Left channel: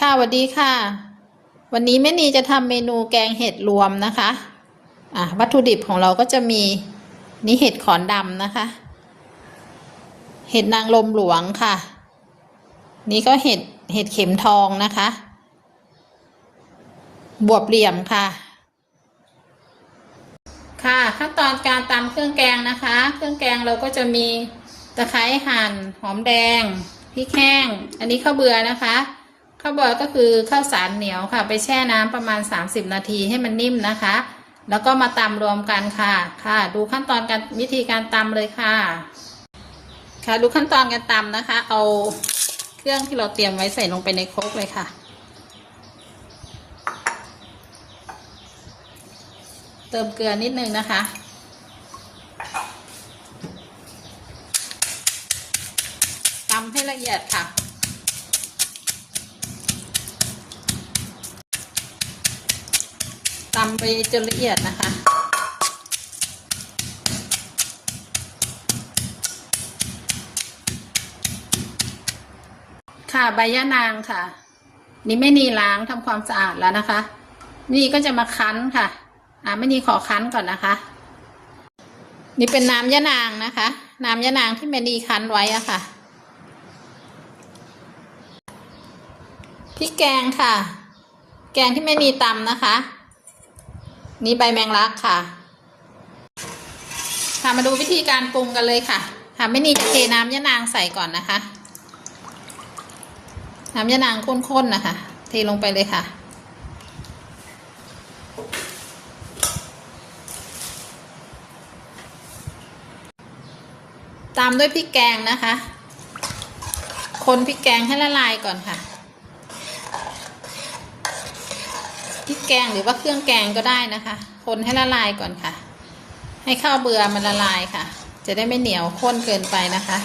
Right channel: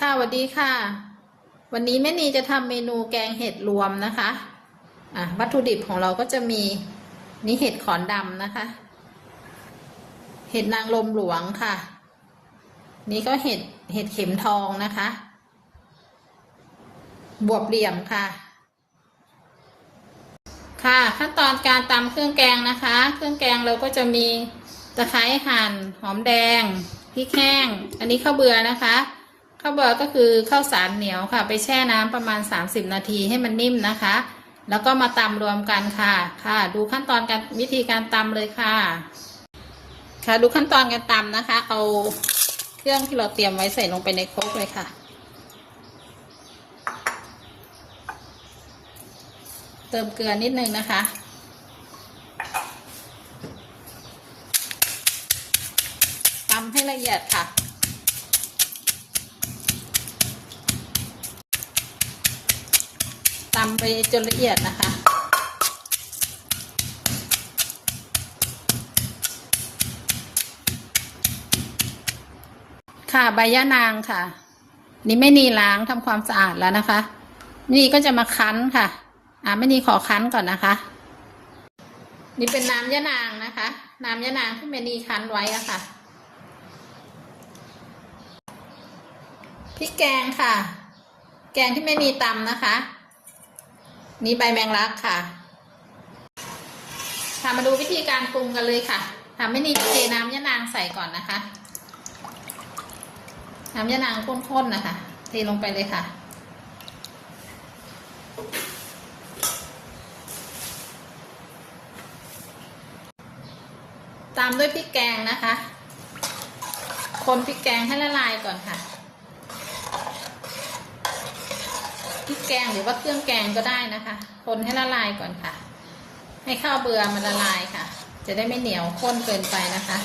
ค่ะสวัสดีค่ะ วันนี้แม่นีจะทำเมนูแกงเห็ดรวมนะคะอะวัตถุดิบของเราก็จะมีนี่เห็ดขอนดำนะคะ เห็ดนางลมหลวงค่ะ นี่ก็เห็ดเห็ดเข็มทองนะคะ บวบเหลี่ยมค่ะ ค่ะขั้นตอนการตำเครื่องแกงนะคะ เครื่องแกงเราก็จะมีตะไคร้หั่นหอมแดงพริกแห้ง อันนี้ข้าวเบื่อนะคะ ข้าวเบื่อก็คือข้าวสารเหนียวค่ะ ไปแช่น้ำประมาณ 30 นาทีให้มันนิ่มนะคะ แล้วก็มาตำรวมกันค่ะ ค่ะ ดูขั้นตอนการวิธีการตำเลยค่ะ ค่ะดูขั้นตอนการตำนะคะ เอาเครื่องที่เราเตรียมไว้ใส่ลงไปในครกเลยค่ะเติมเกลือนิดนึงนะคะ ตำให้ละเอียดค่ะ ตำไปจนละเอียดนะคะ ค่ะใบยะนางค่ะ นี่ไม่นีล้างทำความสะอาดแล้วนะคะ นี่ก็จะมาคั้นค่ะ อ่าไม่นีขอคั้นก่อนนะคะ นี่เป็นน้ำยะนางนะคะ น้ำยะนางที่แม่นีคั้นไว้อะค่ะพริกแกงค่ะ แกงที่แม่นีตำนะคะ นี่ใบแมงลักค่ะ ค่ะมาดูวิธีการปรุงกันเลยค่ะค่ะแม่นีจะเทน้ำยะนางใส่ก่อนนะคะ น้ำยะนางข้นๆนะคะ เทลงไปเลยค่ะ ตามด้วยพริกแกงนะคะ คนพริกแกงให้ละลายก่อนค่ะ พริกแกงหรือว่าเครื่องแกงก็ได้นะคะ คนให้ละลายก่อนค่ะ ให้ข้าวเบื่อมันละลายค่ะ จะได้ไม่เหนียวข้นเกินไปนะคะ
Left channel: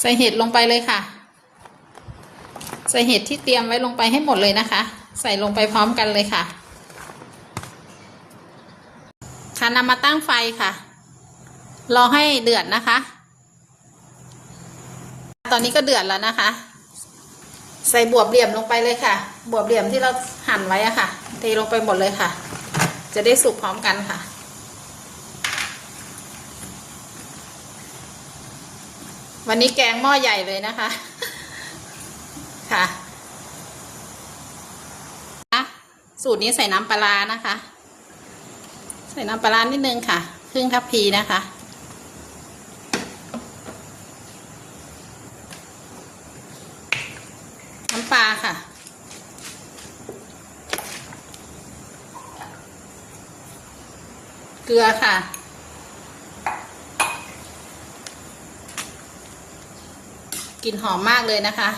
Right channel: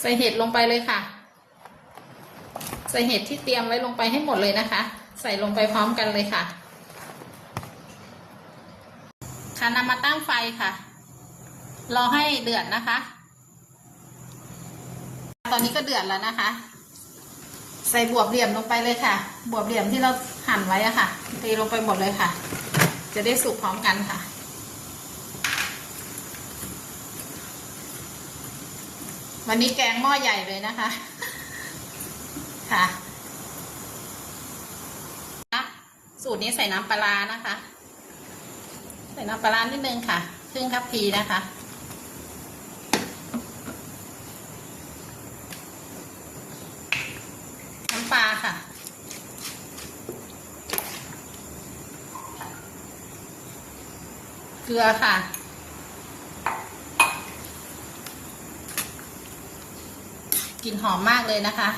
ใส่เห็ดลงไปเลยค่ะ ใส่เห็ดที่เตรียมไว้ลงไปให้หมดเลยนะคะ ใส่ลงไปพร้อมกันเลยค่ะ ค่ะนำมาตั้งไฟค่ะ รอให้เดือดนะคะ ตอนนี้ก็เดือดแล้วนะคะ ใส่บวบเหลี่ยมลงไปเลยค่ะ บวบเหลี่ยมที่เราหั่นไว้อะค่ะเทลงไปหมดเลยค่ะ จะได้สุกพร้อมกันค่ะ วันนี้แกงหม้อใหญ่เลยนะคะ ค่ะ สูตรนี้ใส่น้ำปลานะคะ ใส่น้ำปลานิดนึงค่ะ ครึ่งทัพพีนะคะ น้ำปลาค่ะ เก ลือค่ะ กลิ่นหอมมากเลยนะคะ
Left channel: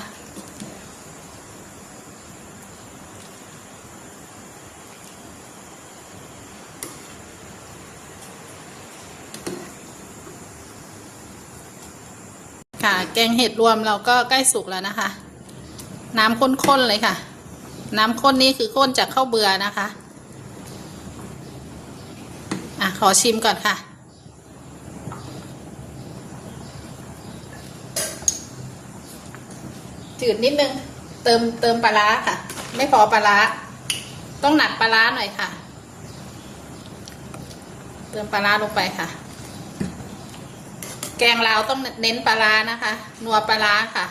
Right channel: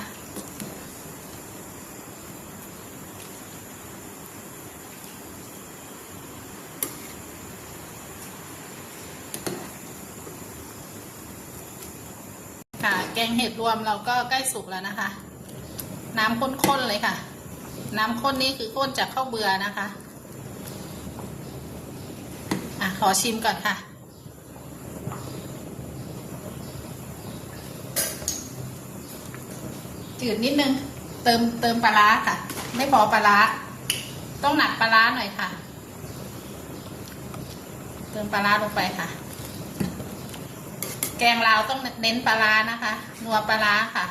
ค่ะ แกงเห็ดรวมเราก็ใกล้สุกแล้วนะคะ น้ำข้นๆเลยค่ะ น้ำข้นนี่คือข้นจากข้าวเบื่อนะคะ อะ ขอชิมก่อนค่ะ จืดนิดนึง เติมเติมปลาร้าค่ะ ไม่พอปลาร้า ต้องหนักปลาร้าหน่อยค่ะ เติมปลาร้าลงไปค่ะ แกงลาวต้องเน้นปลาร้านะคะ นัวปลาร้าค่ะ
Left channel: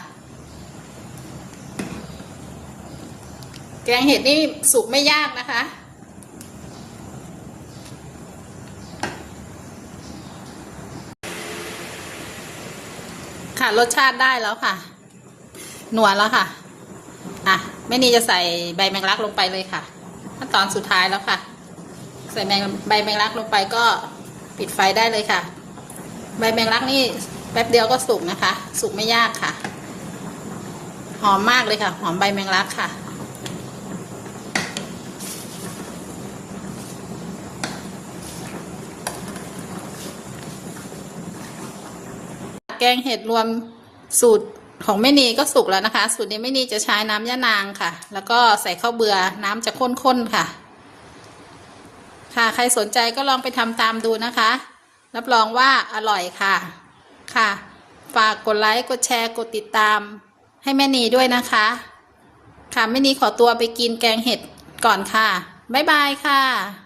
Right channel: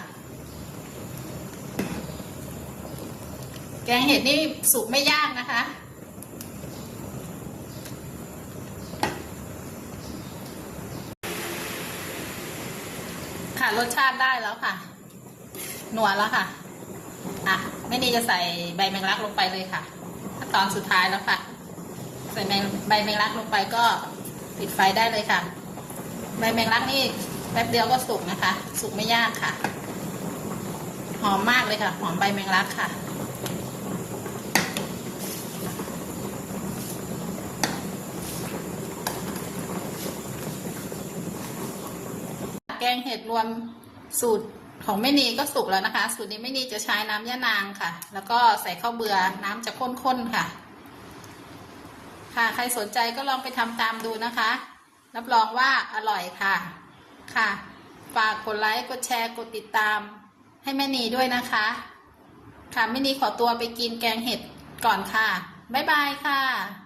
แกงเห็ดนี่สุกไม่ยากนะคะ ค่ะ รสชาติได้แล้วค่ะนัวแล้วค่ะ อะไม่นี่จะใส่ใบแมงลักลงไปเลยค่ะขั้นตอนสุดท้ายแล้วค่ะ ใส่แมงใบแมงลักลงไปก็ปิดไฟได้เลยค่ะ ใบแมงลักนี่แป๊บเดียวก็สุกนะคะ สุกไม่ยากค่ะ หอมมากเลยค่ะ หอมใบแมงลักค่ะ แกงเห็ดรวมสูตรของแม่นีก็สุกแล้วนะคะ สูตรนี้แม่นีจะใช้น้ำยะนางค่ะ แล้วก็ใส่ข้าวเบือ่อน้ำจะข้นๆค่ะ ค่ะ ใครสนใจก็ลองไปทำตามดูนะคะ รับรองว่าอร่อยค่ะ ค่ะ ฝากกดไลค์กดแชร์กดติดตาม ให้แม่นีด้วยนะคะ ค่ะแม่นีขอตัวไปกินแกงเห็ดก่อนค่ะ บ๊ายบายค่ะ